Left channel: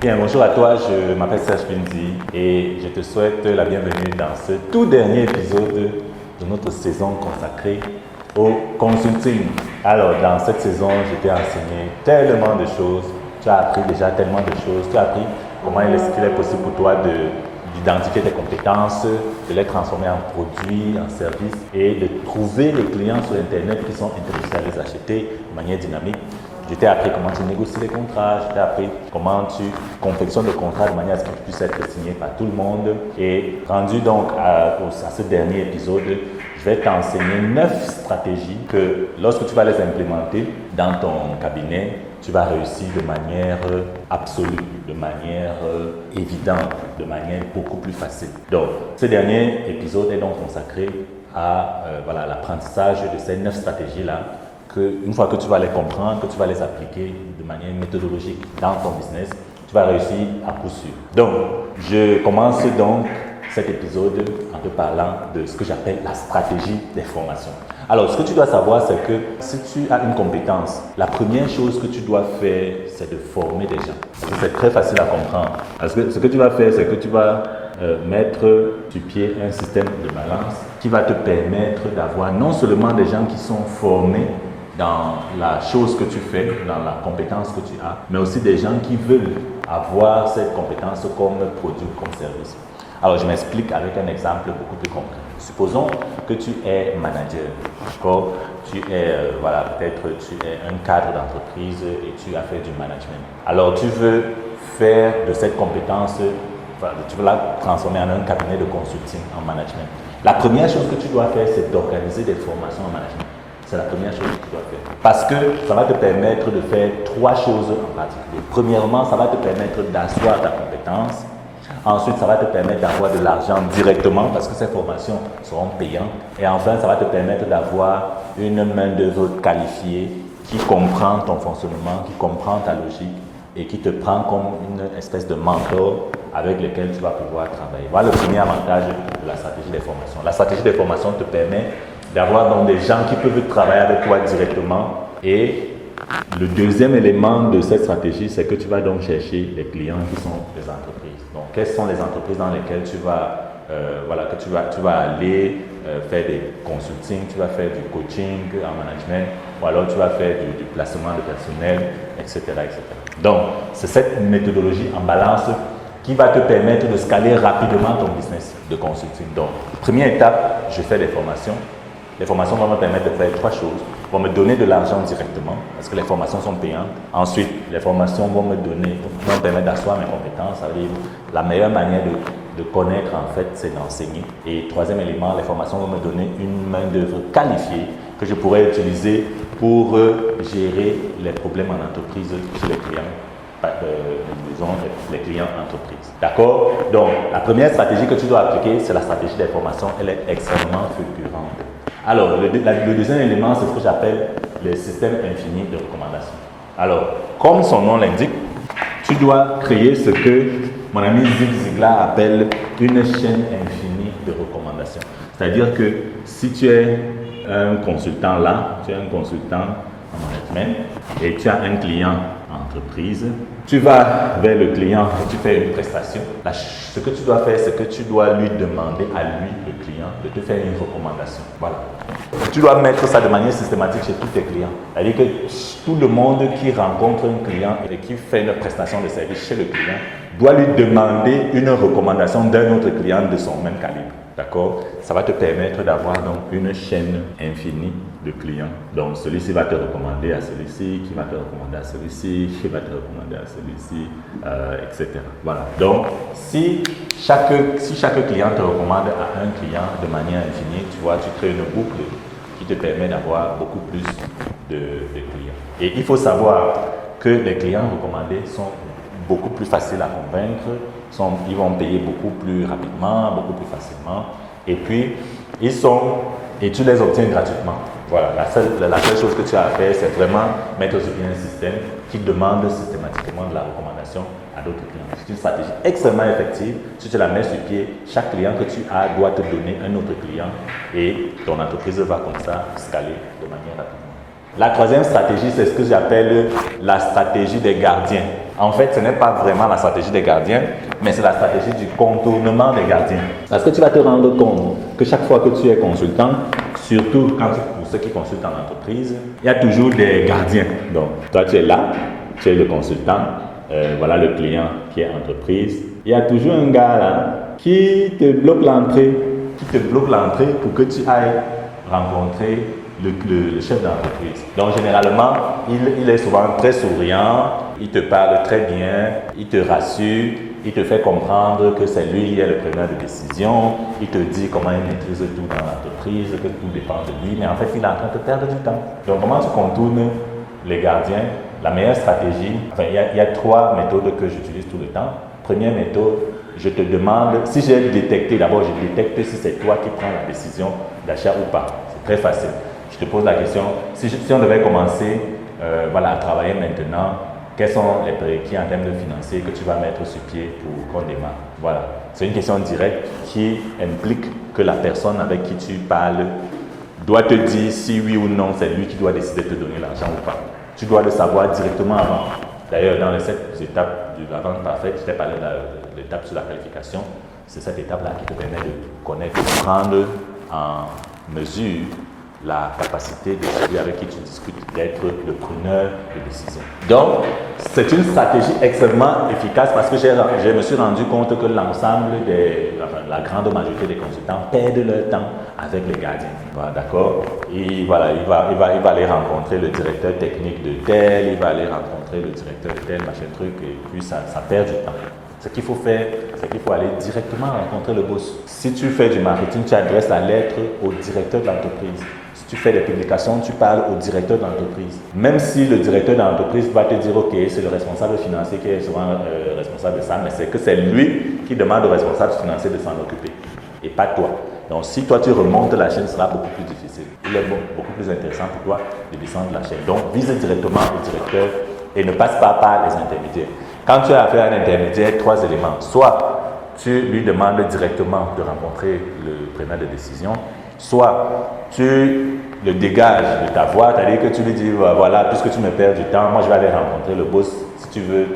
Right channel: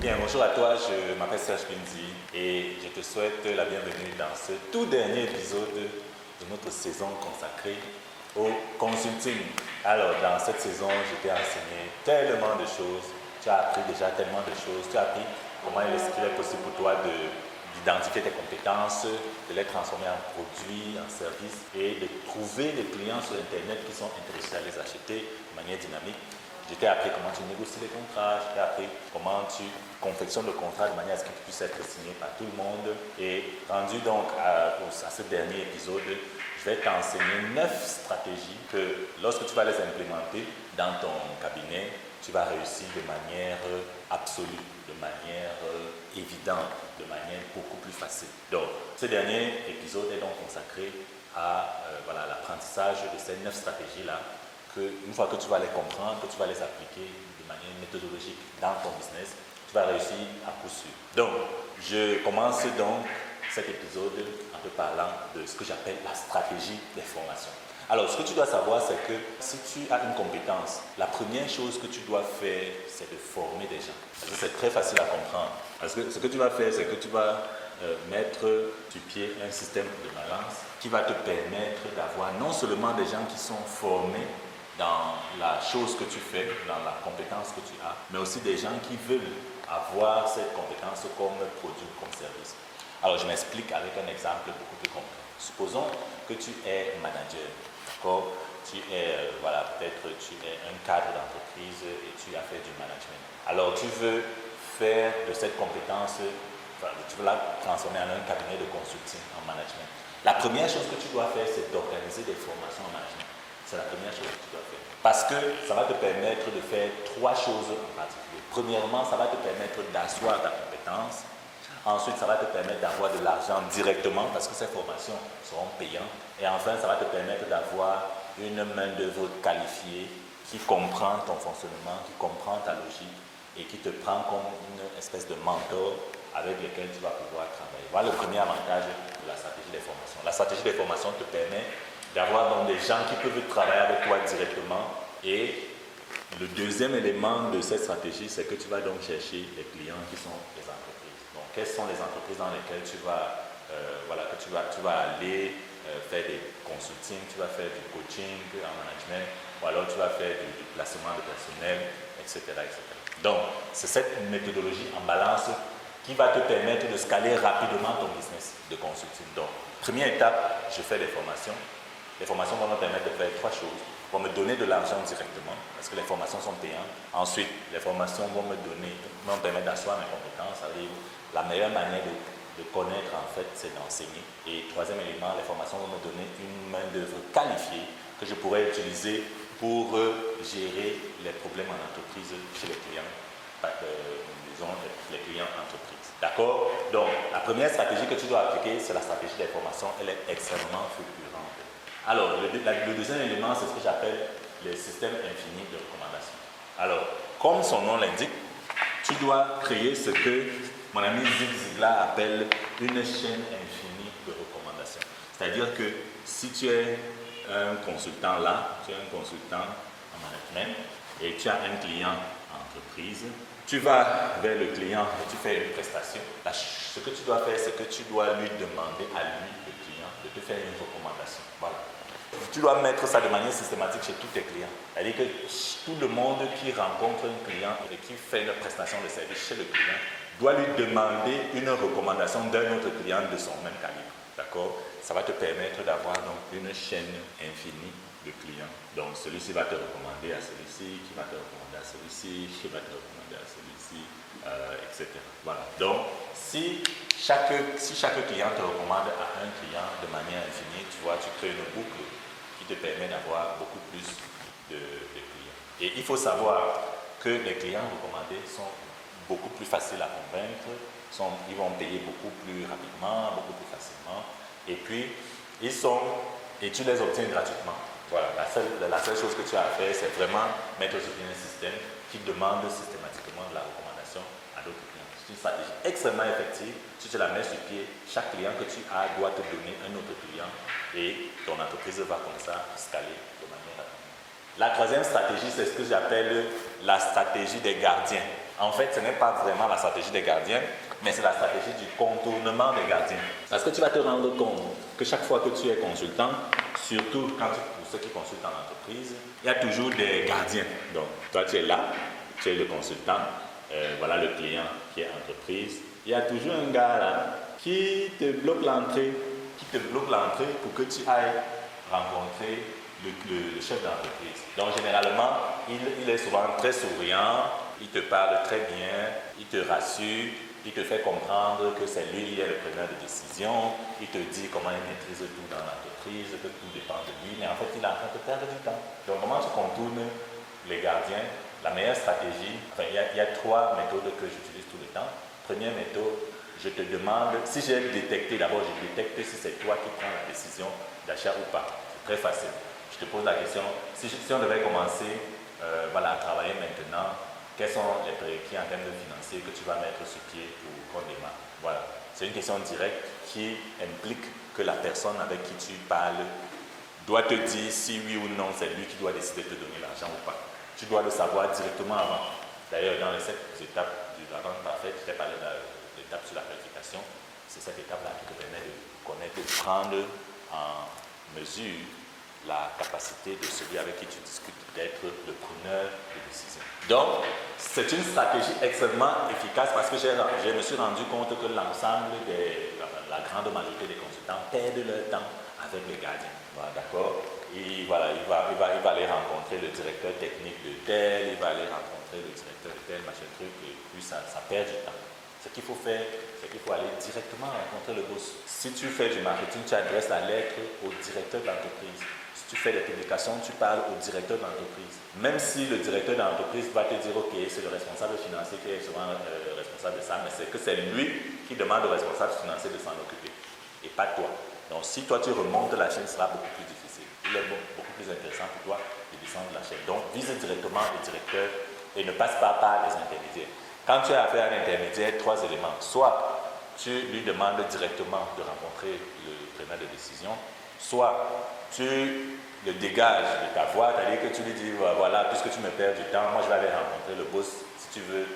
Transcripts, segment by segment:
Bien, bonjour à toi, je m'appelle Serge Bindi et je te souhaite la bienvenue dans ce tout dernier épisode de notre saison consacrée au consulting. Alors, dans cette saison, je t'ai enseigné tellement de choses, tu as appris déjà tellement de choses, tu as appris comment il est possible pour toi d'identifier tes compétences, de les transformer en produits, en services et de trouver les clients sur Internet qui sont intéressés à les acheter de manière dynamique. Je t'ai appris comment tu négocies les contrats, je t'ai appris comment tu confectionnes le contrat de manière à ce qu'il puisse être signé par tout le monde. Et rendu donc à ce dernier épisode, je vais t'enseigner 9 stratégies que lorsque tu vas les implémenter dans ton cabinet, tu vas réussir de manière absolue, de manière évidente, de manière beaucoup plus facile. Donc, ce dernier épisode est donc consacré à l'apprentissage de ces 9 stratégies-là. Une fois que tu vas les comprendre, que tu vas les appliquer de manière méthodologique dans ton business, tu vas réussir à coup sûr. Donc, je commence donc cet épisode en te parlant de ce que j'appelle la stratégie des formations. Alors, ce que tu dois savoir, c'est que si tu as une compétence, la première chose que tu dois faire, c'est de former les gens. Parce que c'est très facile à comprendre. Parce que ce que tu vas faire, c'est que tu vas mettre sur pied un système de balance qui va te permettre d'avoir non seulement des gens qui sont formés dans la chose que tu fais, dans la compétence que tu as, mais aussi des gens qui veulent avoir cette compétence comme produit, comme service. Alors, je m'explique avec un exemple beaucoup plus concret. Supposons que tu es manager, d'accord? Tu es, peut-être tu es un cadre d'entreprise et tu as fait du management. Alors, tu veux faire de cette compétence, tu veux la transformer en un cabinet de consulting en management. La première chose que tu dois faire, c'est d'organiser des formations en management. C'est la première chose que tu dois faire. Parce que ça va te permettre de faire 3 choses en particulier. Premièrement, ça va te permettre d'asseoir ta compétence. Ensuite, ça va te permettre d'avoir de l'argent directement parce que ces formations seront payantes. Et enfin, ça va te permettre d'avoir une main-d'œuvre qualifiée qui comprend ton fonctionnement, qui comprend ta logique et qui te prend comme une espèce de mentor avec lequel tu vas pouvoir travailler. Voilà le premier avantage de la stratégie des formations. La stratégie des formations te permet d'avoir donc des gens qui peuvent travailler avec toi directement. Et le deuxième élément de cette stratégie, c'est que tu vas donc chercher les clients qui sont les entreprises. Donc, quelles sont les entreprises dans lesquelles tu vas aller faire des consulting, tu vas faire du coaching en management, ou alors tu vas faire du placement de personnel, etc., etc. Donc, c'est cette méthodologie en balance qui va te permettre de scaler rapidement ton business de consulting. Donc, première étape, je fais des formations. Les formations vont me permettre de faire 3 choses. Vont me donner de l'argent directement, parce que les formations sont payantes. Ensuite, les formations vont me permettre d'asseoir mes compétences. La meilleure manière de connaître, en fait, c'est d'enseigner. Et troisième élément, les formations vont me donner une main-d'œuvre qualifiée que je pourrais utiliser pour gérer les problèmes en entreprise chez les clients. Disons, les clients entreprises. D'accord? Donc, la première stratégie que tu dois appliquer, c'est la stratégie des formations. Elle est extrêmement fulgurante. Alors, le deuxième élément, c'est ce que j'appelle le système infini de recommandation. Alors, comme son nom l'indique, tu dois créer ce que mon ami Zig Ziglar appelle une chaîne infinie de recommandations. C'est-à-dire que si tu es un consultant là, tu es un consultant en management et tu as un client en entreprise, tu vas vers le client et tu fais une prestation. Ce que tu dois faire, c'est que tu dois lui demander à lui, le client, de te faire une recommandation. Voilà. Tu dois mettre ça de manière systématique chez tous tes clients. C'est-à-dire que tout le monde qui rencontre un client et qui fait une prestation de service chez le client doit lui demander une recommandation d'un autre client de son même calibre. D'accord? Ça va te permettre d'avoir donc une chaîne infinie de clients. Donc celui-ci va te recommander à celui-ci, qui va te recommander à celui-ci, qui va te recommander à celui-ci, etc. Voilà. Donc si chaque client te recommande à un client de manière infinie, tu vois, tu crées une boucle qui te permet d'avoir beaucoup plus de clients. Et il faut savoir que les clients recommandés sont beaucoup plus faciles à convaincre, ils vont payer beaucoup plus rapidement, beaucoup plus facilement, et puis et tu les obtiens gratuitement. Voilà, la seule chose que tu as à faire, c'est vraiment mettre sur pied un système qui demande systématiquement de la recommandation à d'autres clients. C'est une stratégie extrêmement effective. Si tu la mets sur pied, chaque client que tu as doit te donner un autre client et ton entreprise va comme ça scaler de manière rapide. La troisième stratégie, c'est ce que j'appelle la stratégie des gardiens. En fait, ce n'est pas vraiment la stratégie des gardiens, mais c'est la stratégie du contournement des gardiens. Parce que tu vas te rendre compte que chaque fois que tu es consultant, surtout pour ceux qui consultent en entreprise, il y a toujours des gardiens. Donc, toi, tu es là, tu es le consultant, voilà le client qui est entreprise. Il y a toujours un gars là qui te bloque l'entrée, pour que tu ailles rencontrer le chef d'entreprise. Donc, généralement, il est souvent très souriant, il te parle très bien, il te rassure, il te fait comprendre que c'est lui qui est le preneur de décision, il te dit comment il maîtrise tout dans l'entreprise, que tout dépend de lui, mais en fait, il est en train de perdre du temps. Donc, comment tu contournes les gardiens? La meilleure stratégie, il y a 3 méthodes que j'utilise tout le temps. Première méthode, je te demande, si j'ai détecté, d'abord je détecte si c'est toi qui prends la décision d'achat ou pas. C'est très facile. Je te pose la question, si on devait commencer à travailler maintenant, quels sont les prérequis en termes de financiers que tu vas mettre sur pied pour qu'on démarre? Voilà. C'est une question directe qui implique que la personne avec qui tu parles doit te dire si oui ou non c'est lui qui doit décider de te donner l'argent ou pas. Tu dois le savoir directement avant. D'ailleurs, dans les 7 étapes de la vente parfaite, je t'ai parlé de l'étape sur la qualification. C'est cette étape-là qui te permet de connaître, de prendre en mesure la capacité de celui avec qui tu discutes d'être le preneur de décision. Donc, c'est une stratégie extrêmement efficace parce que je me suis rendu compte que l'ensemble la grande majorité des consultants perdent leur temps avec les gardiens. Voilà, d'accord? Et voilà, il va aller rencontrer le directeur technique de tel, il va aller rencontrer le directeur de tel, machin truc, et puis ça perd du temps. Ce qu'il faut faire, c'est qu'il faut aller directement rencontrer le boss. Si tu fais du marketing, tu adresses la lettre au directeur de l'entreprise. Si tu fais des publications, tu parles au directeur d'entreprise. Même si le directeur d'entreprise va te dire, ok, c'est le responsable financier qui est souvent responsable de ça, mais c'est que c'est lui qui demande au responsable financier de s'en occuper, et pas toi. Donc si toi tu remontes la chaîne, ce sera beaucoup plus difficile. Il est beaucoup plus intéressant pour toi de descendre la chaîne. Donc vise directement au directeur et ne passe pas par les intermédiaires. Quand tu as affaire à un intermédiaire, 3 éléments. Soit tu lui demandes directement de rencontrer le preneur de décision, soit tu le dégages de ta voix, c'est-à-dire que tu lui dis, voilà, puisque tu me perds du temps, moi je vais aller rencontrer le boss, si tu veux,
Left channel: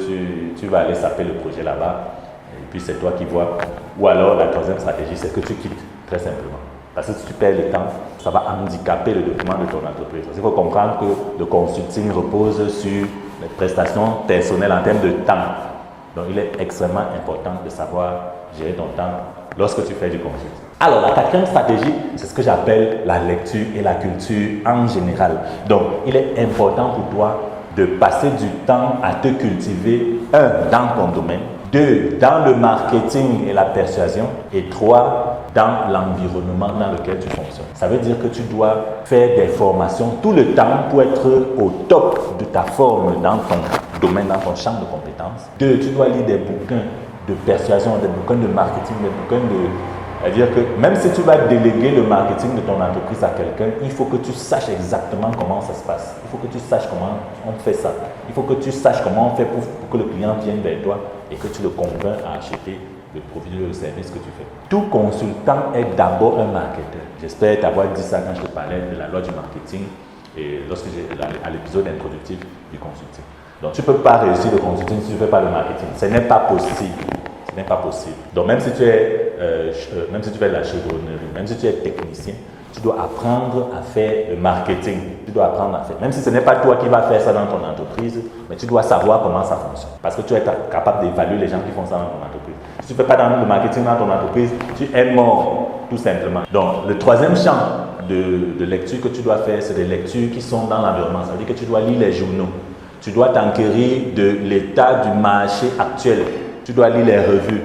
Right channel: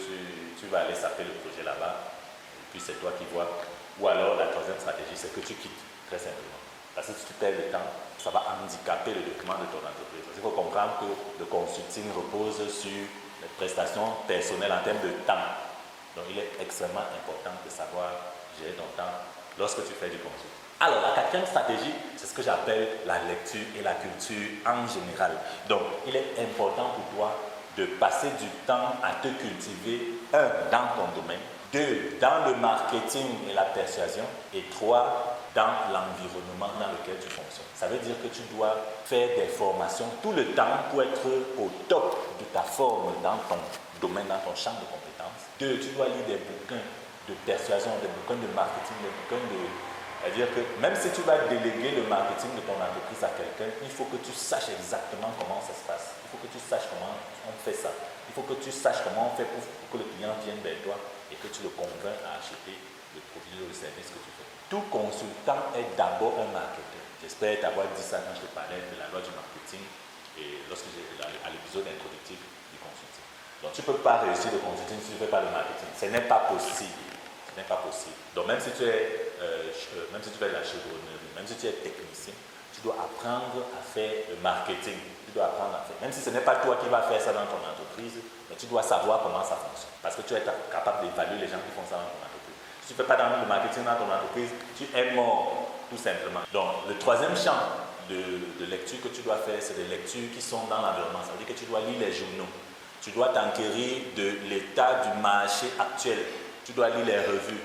tu vas aller saper le projet là-bas, et puis c'est toi qui vois. Ou alors la 3e stratégie, c'est que tu quittes, très simplement. Parce que si tu perds du temps, ça va handicaper le développement de ton entreprise. Il faut comprendre que le consulting repose sur les prestations personnelles en termes de temps. Donc il est extrêmement important de savoir gérer ton temps lorsque tu fais du consulting. Alors, la 4e stratégie, c'est ce que j'appelle la lecture et la culture en général. Donc, il est important pour toi de passer du temps à te cultiver, 1, dans ton domaine, 2, dans le marketing et la persuasion, et 3, dans l'environnement dans lequel tu fonctionnes. Ça veut dire que tu dois faire des formations tout le temps pour être au top de ta forme dans ton domaine, dans ton champ de compétences. 2, tu dois lire des bouquins de persuasion, des bouquins de marketing, des bouquins de... C'est-à-dire que même si tu vas déléguer le marketing de ton entreprise à quelqu'un, il faut que tu saches exactement comment ça se passe. Il faut que tu saches comment on fait ça. Il faut que tu saches comment on fait pour que le client vienne vers toi et que tu le convaincs à acheter le produit ou le service que tu fais. Tout consultant est d'abord un marketeur. J'espère t'avoir dit ça quand je te parlais de la loi du marketing et lorsque à l'épisode introductif du consulting. Donc tu ne peux pas réussir le consulting si tu ne fais pas le marketing. Ce n'est pas possible. Ce n'est pas possible. Donc même si tu fais de la chevronnerie, même si tu es technicien, tu dois apprendre à faire le marketing. Tu dois apprendre à faire. Même si ce n'est pas toi qui vas faire ça dans ton entreprise, mais tu dois savoir comment ça fonctionne. Parce que tu es capable d'évaluer les gens qui font ça dans ton entreprise. Si tu ne fais pas le marketing dans ton entreprise, tu es mort, tout simplement. Donc le 3e champ de lecture que tu dois faire, c'est des lectures qui sont dans l'environnement. Ça veut dire que tu dois lire les journaux. Tu dois t'enquérir de l'état du marché actuel. Tu dois lire les revues,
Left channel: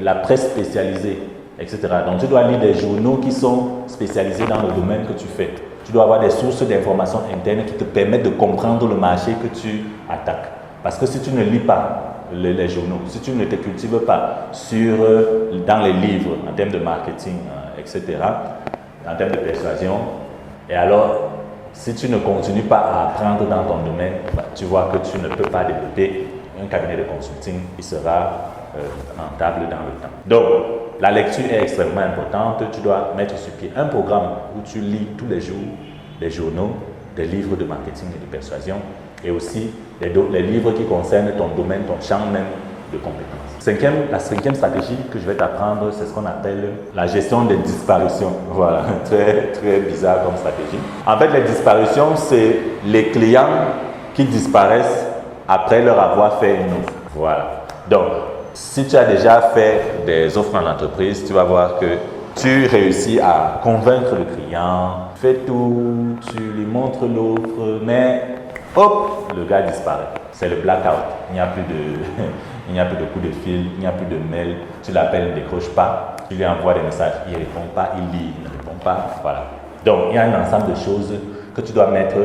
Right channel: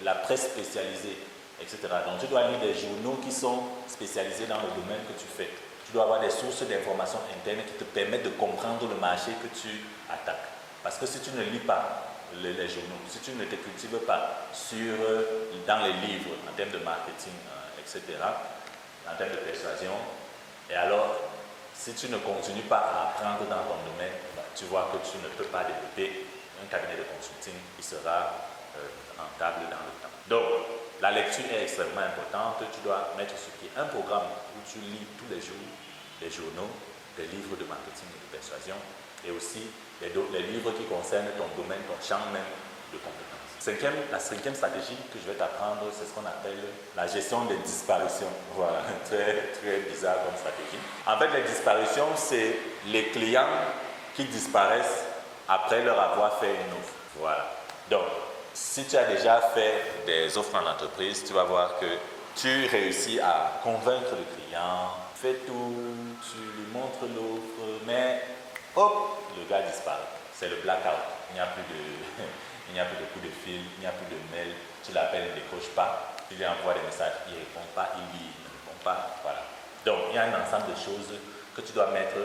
la presse spécialisée, etc. Donc, tu dois lire des journaux qui sont spécialisés dans le domaine que tu fais. Tu dois avoir des sources d'informations internes qui te permettent de comprendre le marché que tu attaques. Parce que si tu ne lis pas les journaux, si tu ne te cultives pas dans les livres, en termes de marketing, etc., en termes de persuasion, et alors, si tu ne continues pas à apprendre dans ton domaine, tu vois que tu ne peux pas développer un cabinet de consulting qui sera rentable dans le temps. Donc, la lecture est extrêmement importante. Tu dois mettre sur pied un programme où tu lis tous les jours des journaux, des livres de marketing et de persuasion. et aussi les livres qui concernent ton domaine, ton champ même de compétences. La cinquième stratégie que je vais t'apprendre, c'est ce qu'on appelle la gestion des disparitions. Voilà, très, très bizarre comme stratégie. En fait, les disparitions, c'est les clients qui disparaissent après leur avoir fait une offre. Voilà. Donc, si tu as déjà fait des offres en entreprise, tu vas voir que tu réussis à convaincre le client, fais tout, tu lui montres l'offre, mais hop, le gars disparaît. C'est le blackout. Il n'y a plus de coups de fil, il n'y a plus de mail. Tu l'appelles, il ne décroche pas. Tu lui envoies des messages, il ne répond pas, il lit, il ne répond pas. Voilà. Donc, il y a un ensemble de choses que tu dois mettre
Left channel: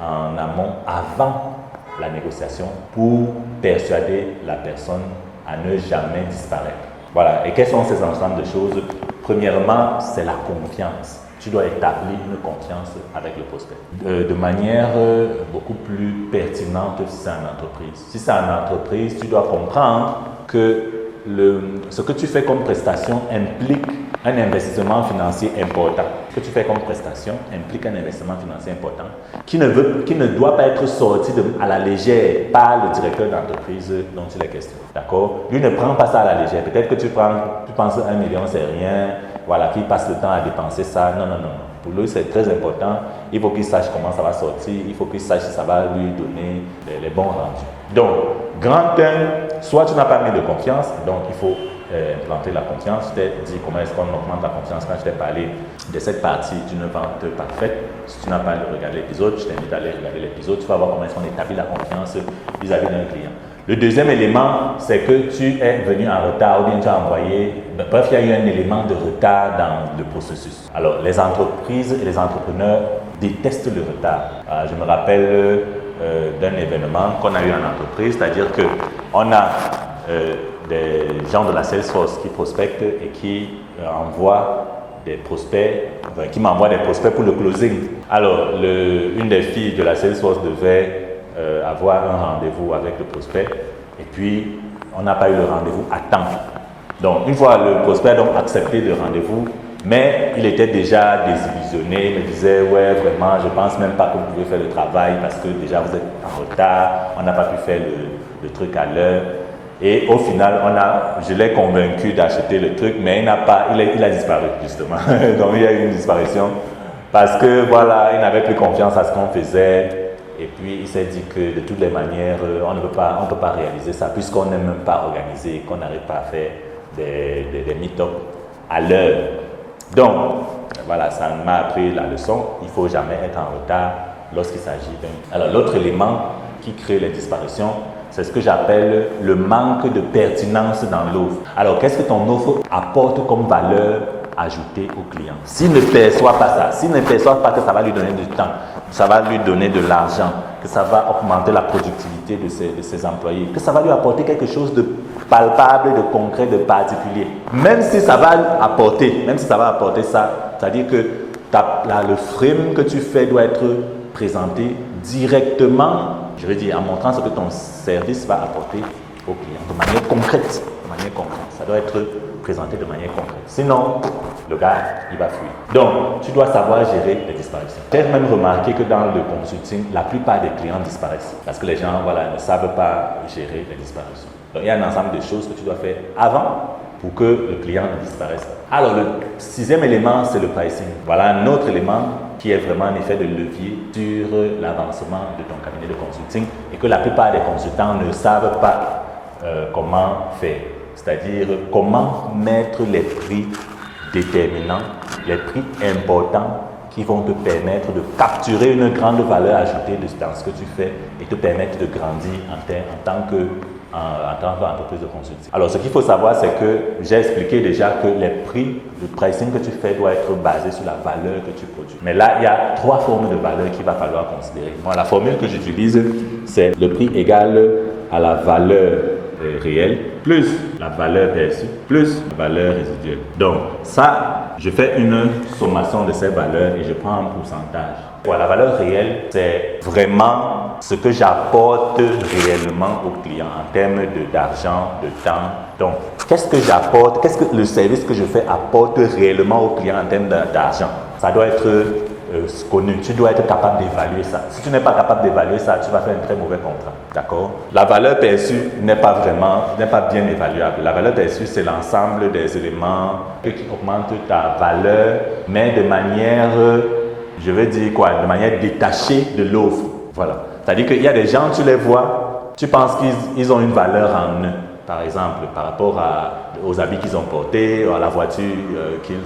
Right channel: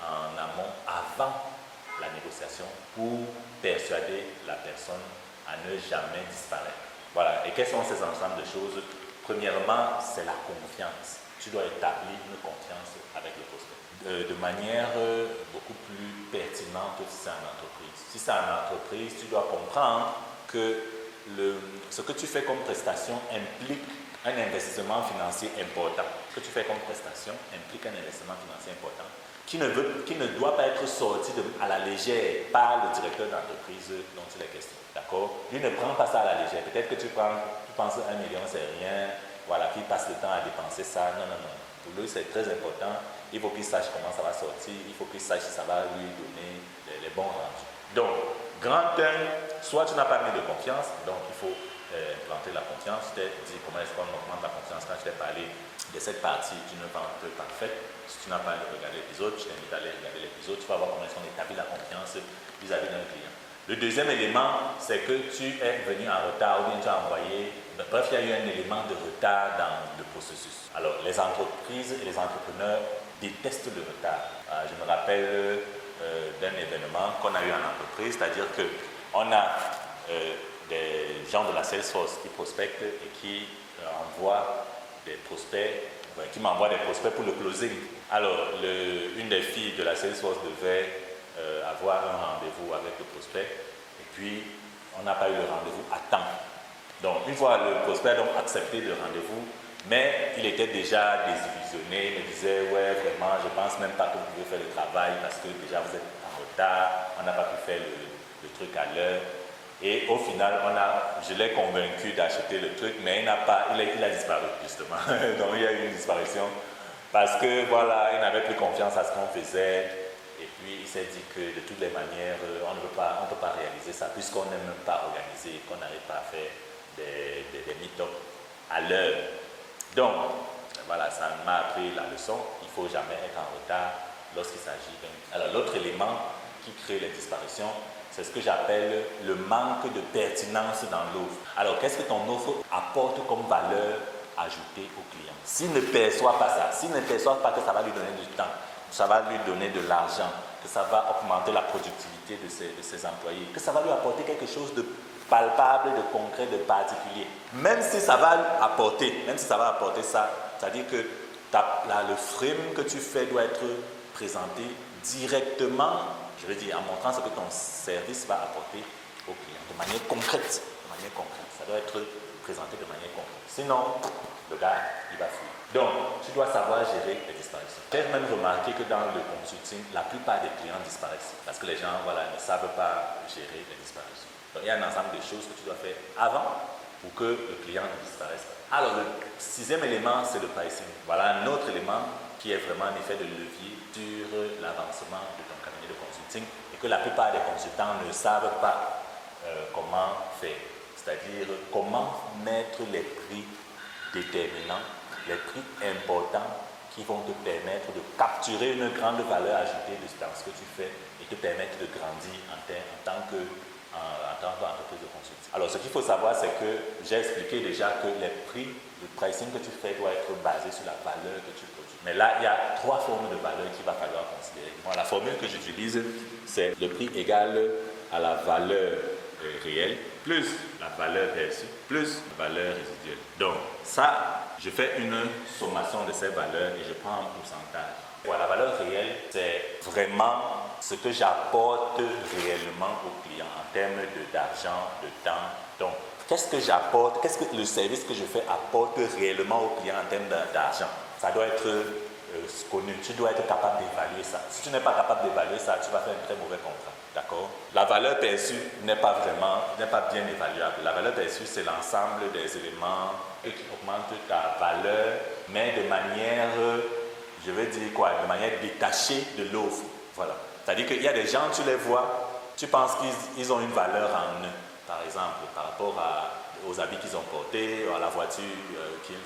en amont avant la négociation pour persuader la personne à ne jamais disparaître. Voilà. Et quels sont ces ensembles de choses? Premièrement, c'est la confiance. Tu dois établir une confiance avec le prospect de manière beaucoup plus pertinente si c'est en entreprise. Si c'est en entreprise, tu dois comprendre que ce que tu fais comme prestation implique un investissement financier important. Ce que tu fais comme prestation implique un investissement financier important qui ne doit pas être sorti à la légère par le directeur d'entreprise dont il est question. D'accord? Lui ne prend pas ça à la légère. Peut-être que tu penses 1 million, c'est rien. Voilà, qu'il passe le temps à dépenser ça. Non, non, non. Pour lui, c'est très important. Il faut qu'il sache comment ça va sortir. Il faut qu'il sache si ça va lui donner les bons rendus. Donc, grand 1, soit tu n'as pas mis de confiance, donc il faut implanter la confiance. Je t'ai dit comment est-ce qu'on augmente la confiance quand je t'ai parlé de cette partie d'une vente parfaite. Si tu n'as pas regardé l'épisode, je t'invite à aller regarder l'épisode. Tu vas voir comment est-ce qu'on établit la confiance vis-à-vis d'un client. Le deuxième élément, c'est que tu es venu en retard ou bien tu as envoyé. Bref, il y a eu un élément de retard dans le processus. Alors, les entreprises et les entrepreneurs détestent le retard. Je me rappelle d'un événement qu'on a eu en entreprise, c'est-à-dire qu'on a des gens de la Salesforce qui prospectent et qui envoient des prospects, qui m'envoient des prospects pour le closing. Alors, une des filles de la Salesforce devait avoir un rendez-vous avec le prospect et puis on n'a pas eu le rendez-vous à temps. Donc, une fois le prospect a donc accepté le rendez-vous, mais il était déjà désillusionné, il me disait ouais vraiment je pense même pas que vous pouvez faire le travail parce que déjà vous êtes en retard, on n'a pas pu faire le truc à l'heure. Et au final, je l'ai convaincu d'acheter le truc, mais il a disparu justement. Donc il y a eu une disparition parce que voilà, il n'avait plus confiance à ce qu'on faisait. Et puis il s'est dit que de toutes les manières, on ne peut pas réaliser ça puisqu'on n'aime même pas organiser, qu'on n'arrive pas à faire des meet-up à l'heure. Donc voilà, ça m'a appris la leçon. Il ne faut jamais être en retard lorsqu'il s'agit d'un. Alors l'autre élément qui crée les disparitions, c'est ce que j'appelle le manque de pertinence dans l'offre. Alors, qu'est-ce que ton offre apporte comme valeur ajoutée au client? S'il ne perçoit pas ça, s'il ne perçoit pas que ça va lui donner du temps, que ça va lui donner de l'argent, que ça va augmenter la productivité de ses employés, que ça va lui apporter quelque chose de palpable, de concret, de particulier. Même si ça va apporter ça, c'est-à-dire que le frame que tu fais doit être présenté directement, je veux dire, en montrant ce que ton service va apporter au client, de manière concrète. Ça doit être présenté de manière concrète. Sinon, le gars, il va fuir. Donc, tu dois savoir gérer les disparitions. J'ai même remarqué que dans le consulting, la plupart des clients disparaissent. Parce que les gens ne savent pas gérer les disparitions. Donc, il y a un ensemble de choses que tu dois faire avant pour que le client ne disparaisse pas. Alors, le 6e élément, c'est le pricing. Voilà un autre élément qui est vraiment un effet de levier sur l'avancement de ton cabinet de consulting et que la plupart des consultants ne savent pas comment faire. C'est-à-dire comment mettre les prix déterminants, les prix importants qui vont te permettre de capturer une grande valeur ajoutée dans ce que tu fais et te permettre de grandir en tant qu'entreprise de consulting. Alors, ce qu'il faut savoir, c'est que j'ai expliqué déjà que les prix, le pricing que tu fais doit être basé sur la valeur que tu produis. Mais là, il y a 3 formes de valeur qu'il va falloir considérer. Moi, la formule que j'utilise, c'est le prix égal à la valeur réelle, plus la valeur perçue, plus la valeur résiduelle. Donc, ça, je fais une sommation de ces valeurs et je prends un pourcentage. Voilà, la valeur réelle, c'est vraiment ce que j'apporte réellement au client en termes d'argent, de temps. Donc, qu'est-ce que j'apporte, qu'est-ce que le service que je fais apporte réellement au client en termes d'argent? Ça doit être connu. Tu dois être capable d'évaluer ça. Si tu n'es pas capable d'évaluer ça, tu vas faire un très mauvais contrat. D'accord? La valeur perçue n'est pas bien évaluable. La valeur perçue, c'est l'ensemble des éléments qui augmentent ta valeur, mais de manière, je veux dire quoi, de manière détachée de l'offre. Voilà. C'est-à-dire qu'il y a des gens, tu les vois, tu penses qu'ils ont une valeur en eux. Par exemple, par rapport aux habits qu'ils ont portés, à la voiture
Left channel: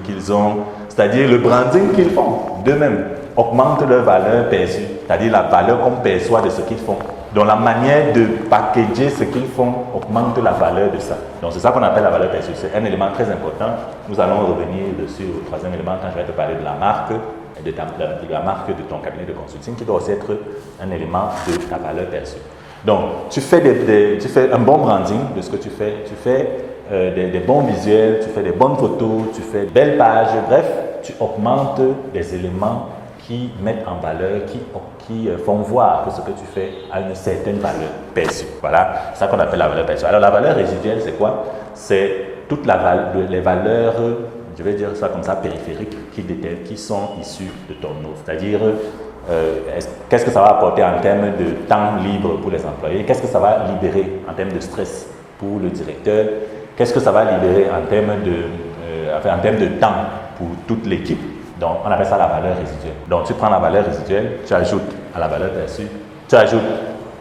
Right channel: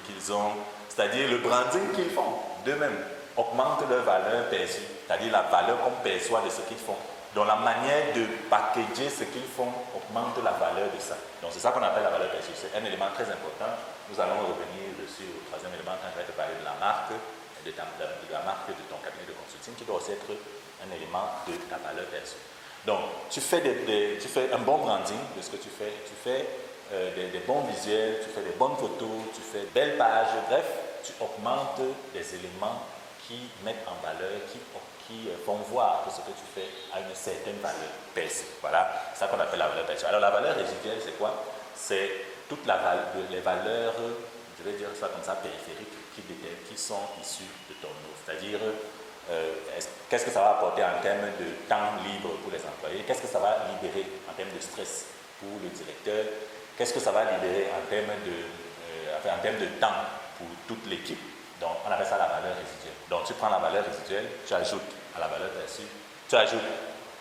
qu'ils ont. C'est-à-dire le branding qu'ils font d'eux-mêmes augmente leur valeur perçue. C'est-à-dire la valeur qu'on perçoit de ce qu'ils font. Donc la manière de packager ce qu'ils font augmente la valeur de ça. Donc c'est ça qu'on appelle la valeur perçue. C'est un élément très important. Nous allons revenir dessus au troisième élément quand je vais te parler de la marque, de la marque de ton cabinet de consulting. Tu dois aussi être un élément de ta valeur perçue. Donc, tu fais un bon branding de ce que tu fais. Tu fais des bons visuels, tu fais des bonnes photos, tu fais de belles pages. Bref, tu augmentes des éléments qui mettent en valeur, qui font voir que ce que tu fais a une certaine valeur perçue. Voilà, c'est ça qu'on appelle la valeur perçue. Alors, la valeur résiduelle, c'est quoi? C'est toutes les valeurs, je vais dire ça comme ça, périphériques, qui sont issues de ton offre. C'est-à-dire, qu'est-ce que ça va apporter en termes de temps libre pour les employés? Qu'est-ce que ça va libérer en termes de stress pour le directeur? Qu'est-ce que ça va libérer en termes de temps pour toute l'équipe? Donc, on appelle ça la valeur résiduelle. Donc, tu prends la valeur résiduelle, tu ajoutes à la valeur perçue, tu ajoutes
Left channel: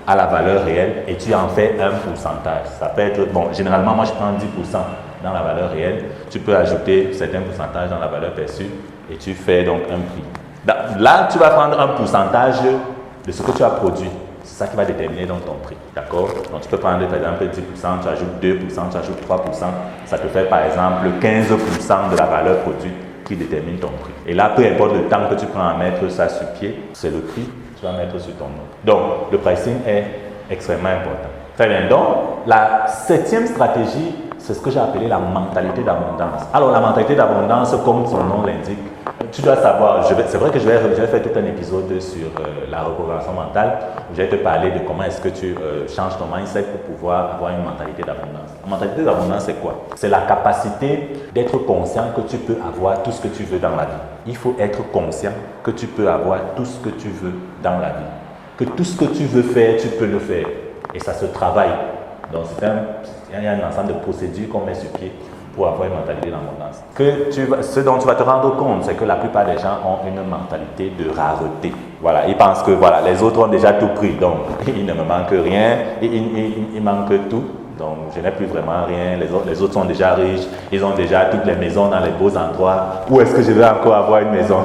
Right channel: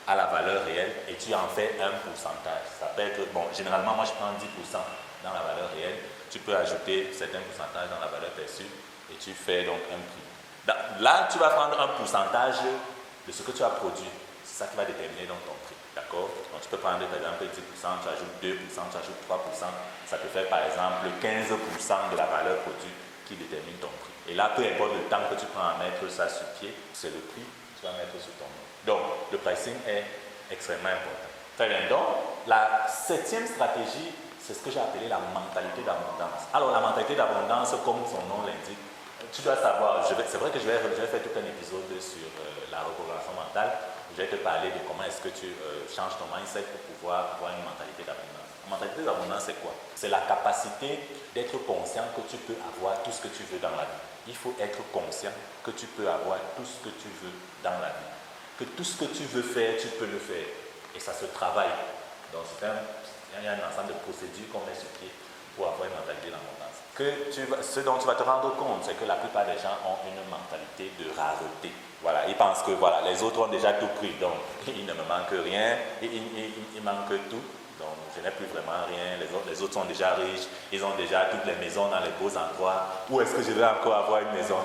à la valeur réelle et tu en fais un pourcentage. Ça peut être, bon, généralement, moi, je prends 10% dans la valeur réelle. Tu peux ajouter certains pourcentages dans la valeur perçue et tu fais donc un prix. Là, tu vas prendre un pourcentage de ce que tu as produit. C'est ça qui va déterminer donc ton prix. D'accord? Donc, tu peux prendre par exemple 10%, tu ajoutes 2%, tu ajoutes 3%. Ça te fait par exemple 15% de la valeur produite qui détermine ton prix. Et là, peu importe le temps que tu prends à mettre ça sur pied, c'est le prix que tu vas mettre sur ton nom. Donc, le pricing est extrêmement important. Très bien. Donc, la 7e stratégie, c'est ce que j'ai appelé la mentalité d'abondance. Alors, la mentalité d'abondance, comme son nom l'indique, tu dois savoir, c'est vrai que je vais faire tout un épisode sur la reprogrammation mentale. Je vais te parler de comment est-ce que tu changes ton mindset pour pouvoir avoir une mentalité d'abondance. La mentalité d'abondance, c'est quoi? C'est la capacité d'être conscient que tu peux avoir tout ce que tu veux dans la vie. Il faut être conscient que tu peux avoir tout ce que tu veux dans la vie. Que tout ce que tu veux faire, tu peux le faire. Et ça se travaille. Donc, il y a un ensemble de procédures qu'on met sur pied pour avoir une mentalité d'abondance. Ce dont tu vas te rendre compte, c'est que la plupart des gens ont une mentalité de rareté. Voilà, ils pensent que voilà, les autres ont déjà tout pris, donc il ne me manque rien, il manque tout. Donc je n'ai plus vraiment rien, les autres sont déjà riches, ils ont déjà toutes les maisons dans les beaux endroits. Où est-ce que je vais encore avoir une maison?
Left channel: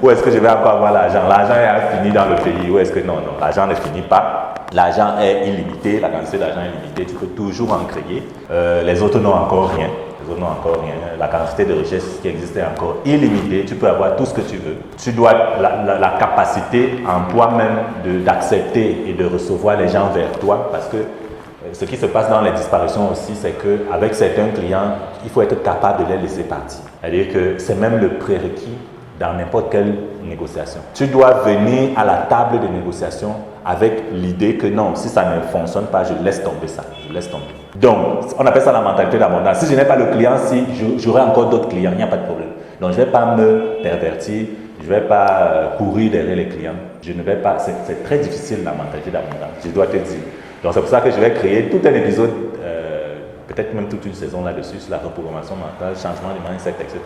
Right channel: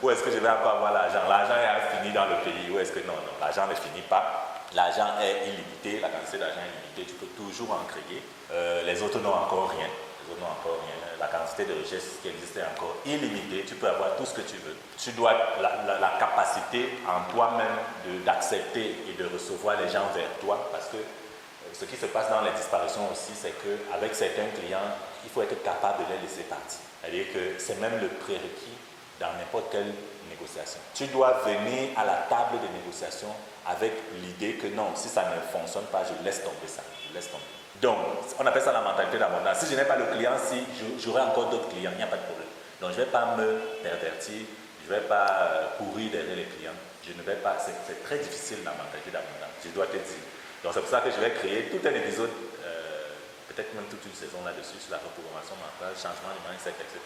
Où est-ce que je vais encore avoir l'argent? L'argent est fini dans le pays. Où est-ce que non, l'argent ne finit pas. L'argent est illimité, la quantité d'argent est illimitée, tu peux toujours en créer. Les autres n'ont encore rien. Non, encore rien. La quantité de richesse qui existe est encore illimitée. Tu peux avoir tout ce que tu veux. Tu dois la capacité en toi-même d'accepter et de recevoir les gens vers toi, parce que ce qui se passe dans les disparitions aussi, c'est qu'avec certains clients, il faut être capable de les laisser partir. C'est-à-dire que c'est même le prérequis dans n'importe quelle négociation. Tu dois venir à la table de négociation avec l'idée que non, si ça ne fonctionne pas, je laisse tomber ça. Je laisse tomber. Donc, on appelle ça la mentalité d'abondance. Si je n'ai pas le client, si j'aurai encore d'autres clients, il n'y a pas de problème. Donc, je ne vais pas me pervertir, je ne vais pas courir derrière les clients. Je ne vais pas. C'est très difficile la mentalité d'abondance, je dois te dire. Donc, c'est pour ça que je vais créer tout un épisode, peut-être même toute une saison là-dessus, sur la reprogrammation mentale, changement du mindset, etc.,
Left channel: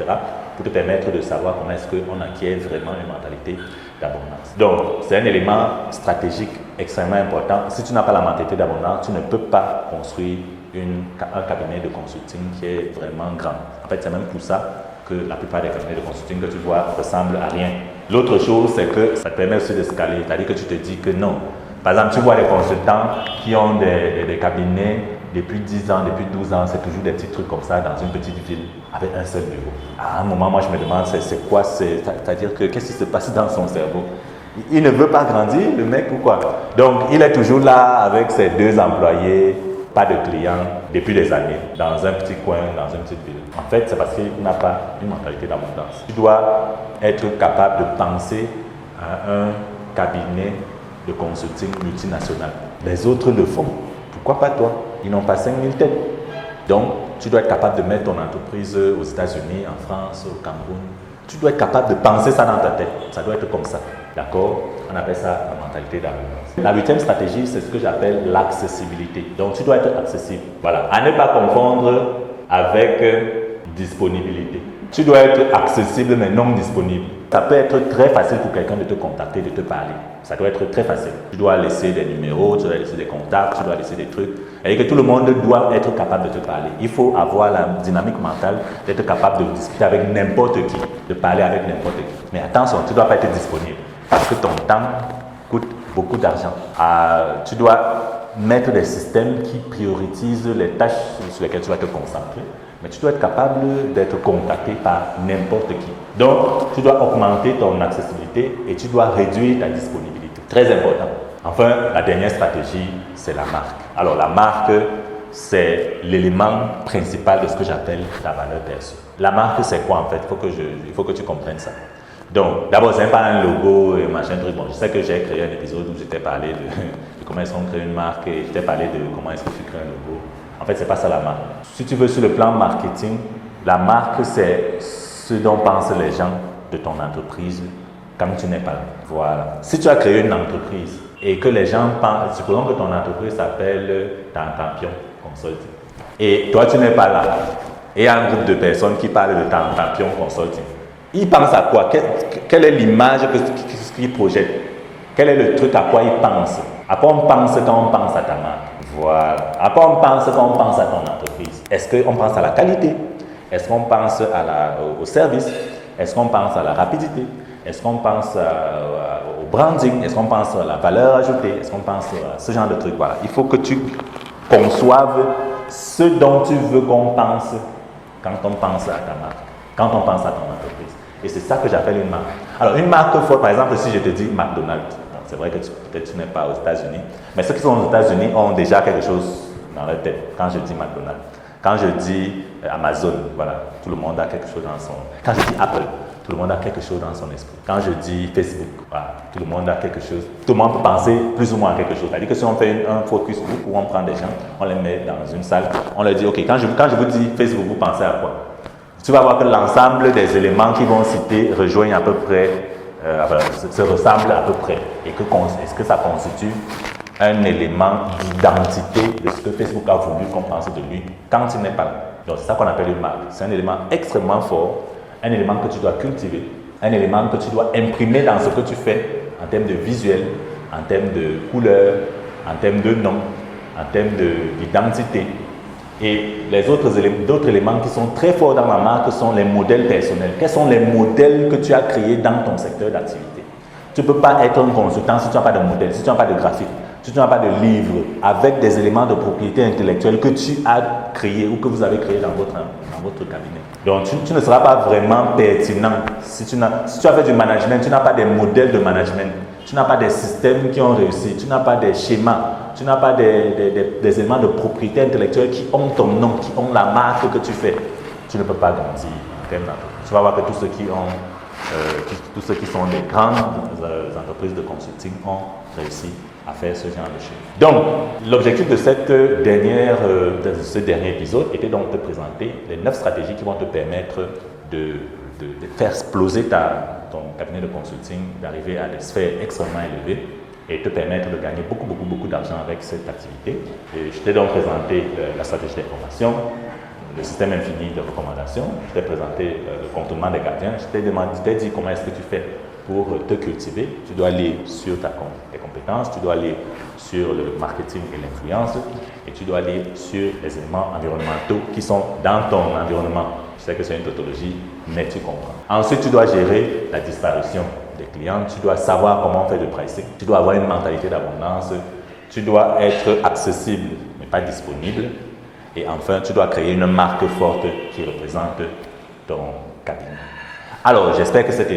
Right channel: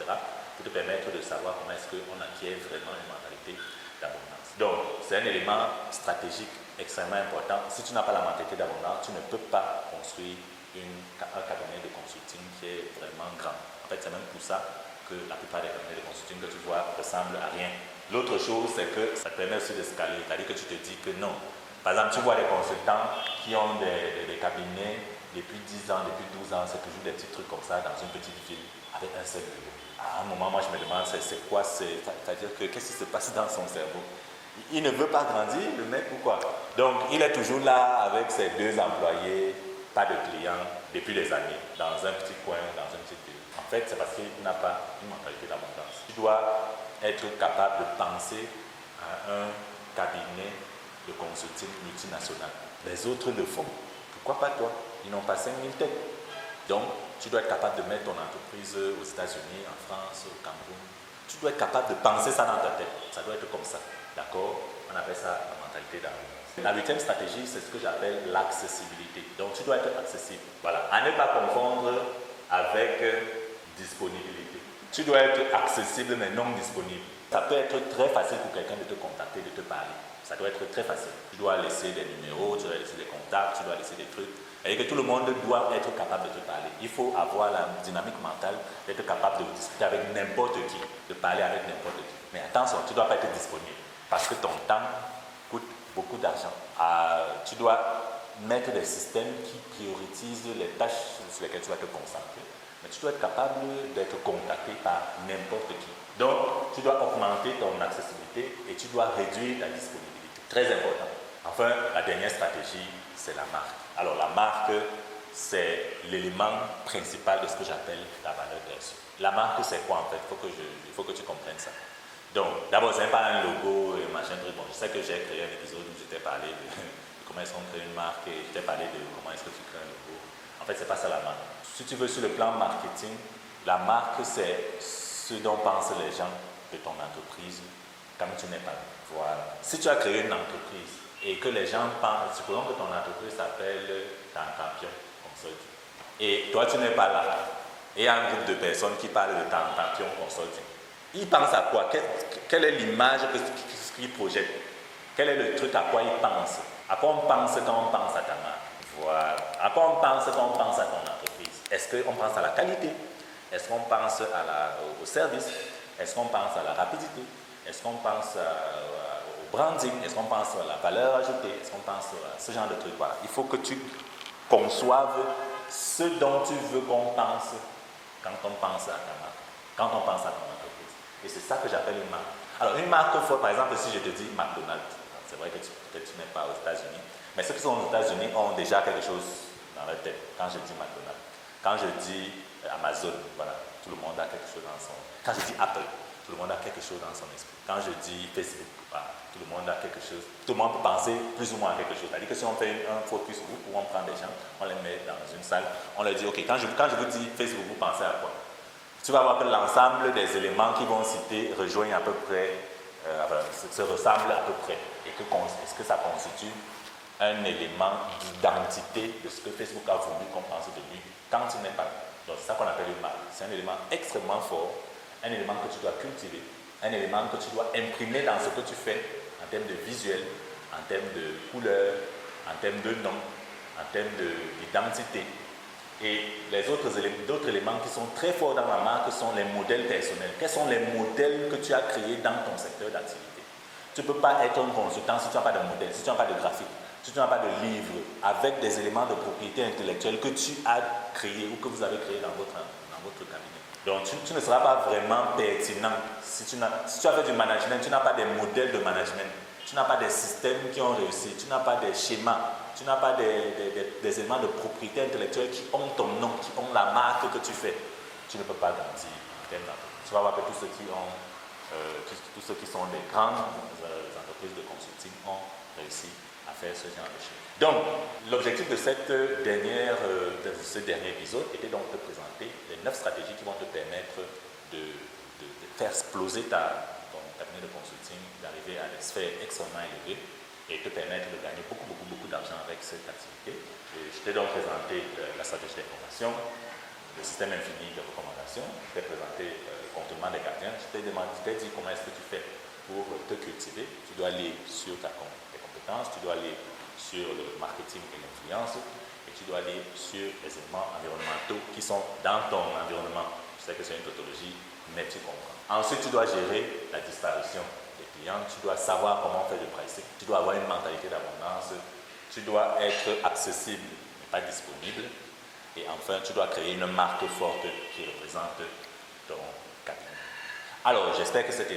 pour te permettre de savoir comment est-ce qu'on acquiert vraiment une mentalité d'abondance. Donc, c'est un élément stratégique extrêmement important. Si tu n'as pas la mentalité d'abondance, tu ne peux pas construire un cabinet de consulting qui est vraiment grand. En fait, c'est même pour ça que la plupart des cabinets de consulting que tu vois ressemblent à rien. L'autre chose, c'est que ça te permet aussi de scaler. C'est-à-dire que tu te dis que non. Par exemple, tu vois des consultants qui ont des cabinets depuis 10 ans, depuis 12 ans, c'est toujours des petits trucs comme ça dans une petite ville avec un seul bureau. À un moment, moi, je me demande, c'est quoi? C'est-à-dire que qu'est-ce qui se passe dans son cerveau? Il ne veut pas grandir, le mec, ou quoi? Donc, il est toujours là avec ses 2 employés, pas de clients, depuis des années, dans un petit coin, dans un petit bureau. En fait, c'est parce qu'il n'a pas une mentalité d'abondance. Tu dois être capable de penser à un cabinet de consulting multinational. Les autres le font. Pourquoi pas toi? Ils n'ont pas 5000 têtes. Donc, tu dois être capable de mettre ton entreprise aux États-Unis, en France, au Cameroun. Tu dois être capable de penser ça dans ta tête. Ça doit être comme ça. D'accord? On appelle ça la mentalité d'abondance. La 8e stratégie, c'est ce que j'appelle l'accessibilité. Donc, tu dois être accessible. Voilà. À ne pas confondre avec disponibilité. Tu dois être accessible mais non disponible. Ça peut être très facile pour quelqu'un de te contacter, de te parler. Ça doit être très facile. Tu dois laisser des numéros, tu dois laisser des contacts, tu dois laisser des trucs. Et que tout le monde doit être capable de te parler. Il faut avoir la dynamique mentale d'être capable de discuter avec n'importe qui, de parler avec n'importe qui. Mais attention, tu ne dois pas être disponible parce que ton temps coûte beaucoup d'argent. Tu dois mettre des systèmes qui priorisent les tâches sur lesquelles tu vas te concentrer. Mais tu dois être capable d'être contacté par n'importe qui. Donc, tu dois augmenter ton accessibilité et tu dois réduire ta disponibilité. Très important. Enfin, la dernière stratégie, c'est la marque. Alors, la marque, c'est l'élément principal de ce que j'appelle la valeur perçue. La marque, c'est quoi en fait? Il faut que tu comprennes ça. Donc, d'abord, ce n'est pas un logo et machin truc. Bon, je sais que j'ai créé un épisode où j'étais parlé de comment est-ce qu'on crée une marque et j'étais parlé de comment est-ce que tu crées un logo. En fait, ce n'est pas ça la marque. Si tu veux, sur le plan marketing, la marque, c'est ce dont pensent les gens de ton entreprise quand tu n'es pas là. Voilà. Si tu as créé une entreprise et que les gens pensent, supposons que ton entreprise s'appelle Tantampion Consulting, et toi, tu n'es pas là, et il y a un groupe de personnes qui parlent de Tantampion Consulting, ils pensent à quoi? Quelle est l'image qu'ils projettent? Quel est le truc à quoi ils pensent? À quoi on pense quand on pense à ta marque? Voilà. À quoi on pense quand on pense à ton entreprise? Est-ce qu'on pense à la qualité? Est-ce qu'on pense au service? Est-ce qu'on pense à la rapidité? Est-ce qu'on pense au branding? Est-ce qu'on pense à la valeur ajoutée? Est-ce qu'on pense à ce genre de trucs? Voilà. Il faut que tu conçoives ce dont tu veux qu'on pense quand on pense à ta marque, quand on pense à ton entreprise. Et c'est ça que j'appelle une marque. Alors, une marque forte, par exemple, si je te dis McDonald's, c'est vrai que peut-être tu n'es pas aux États-Unis, mais ceux qui sont aux États-Unis ont déjà quelque chose dans leur tête quand je dis McDonald's. Quand je dis Amazon, voilà, tout le monde a quelque chose dans son... Quand je dis Apple, tout le monde a quelque chose dans son esprit. Quand je dis Facebook, voilà, tout le monde a quelque chose. Tout le monde peut penser plus ou moins à quelque chose. C'est-à-dire que si on fait un focus group où on prend des gens, on les met dans une salle, on leur dit, OK, quand je vous dis Facebook, vous pensez à quoi? Tu vas voir que l'ensemble des éléments qu'ils vont citer rejoignent à peu près, se ressemblent à peu près. Et est-ce que ça constitue un élément d'identité de ce que Facebook a voulu qu'on pense de lui quand il n'est pas là? Donc c'est ça qu'on appelle une marque. C'est un élément extrêmement fort, un élément que tu dois cultiver, un élément que tu dois imprimer dans ce que tu fais en termes de visuel, en termes de couleur, en termes de nom, en termes d'identité. Et les d'autres éléments qui sont très forts dans la marque sont les modèles personnels. Quels sont les modèles que tu as créés dans ton secteur d'activité? Tu ne peux pas être un consultant si tu n'as pas de modèle, si tu n'as pas de graphique, si tu n'as pas de livre avec des éléments de propriété intellectuelle que tu as créés ou que vous avez créés dans votre cabinet. Donc, tu ne seras pas vraiment pertinent. Si tu as fait du management, tu n'as pas des modèles de management, tu n'as pas des systèmes qui ont réussi, tu n'as pas des schémas, tu n'as pas des éléments de propriété intellectuelle qui ont ton nom, qui ont la marque que tu fais. Tu ne peux pas grandir en termes d'entreprise. Tu vas voir que tous ceux qui sont des grandes entreprises de consulting ont réussi à faire ce genre de choses. Donc, l'objectif de ce dernier épisode était donc de présenter les 9 stratégies qui vont te permettre de faire exploser ton cabinet de consulting, d'arriver à des sphères extrêmement élevées et te permettre de gagner beaucoup d'argent avec cette activité. Et je t'ai donc présenté la stratégie d'information, le système infini de recommandations, je t'ai présenté le contournement des gardiens, je t'ai dit comment est-ce que tu fais pour te cultiver. Tu dois aller sur tes compétences, tu dois aller sur le marketing et l'influence et tu dois aller sur les éléments environnementaux qui sont dans ton environnement. Je sais que c'est une tautologie, mais tu comprends. Ensuite, tu dois gérer la disparition des clients, tu dois savoir comment faire le pricing, tu dois avoir une mentalité d'abondance, tu dois être accessible mais pas disponible. Et enfin, tu dois créer une marque forte qui représente ton cabinet. Alors, j'espère que cet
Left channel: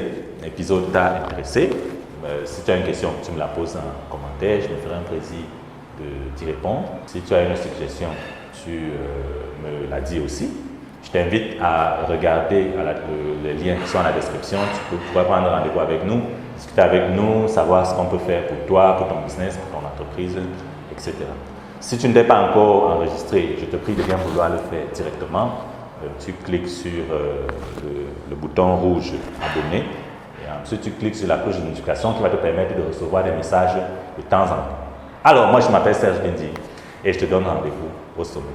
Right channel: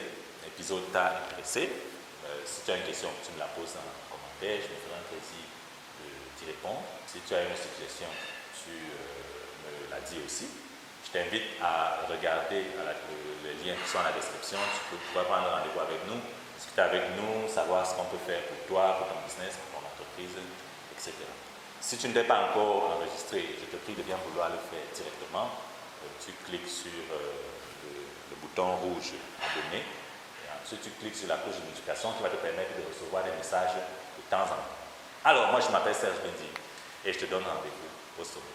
épisode t'a intéressé. Si tu as une question, tu me la poses en commentaire. Je me ferai un plaisir d'y répondre. Si tu as une suggestion, tu me la dis aussi. Je t'invite à regarder les liens qui sont dans la description. Tu pourras prendre rendez-vous avec nous, discuter avec nous, savoir ce qu'on peut faire pour toi, pour ton business, pour ton entreprise, etc. Si tu ne t'es pas encore enregistré, je te prie de bien vouloir le faire directement. tu cliques sur le bouton rouge abonner et ensuite tu cliques sur la cloche de notification qui va te permettre de recevoir des messages de temps en temps. Alors, moi je m'appelle Serge Bindi et je te donne rendez-vous au sommet.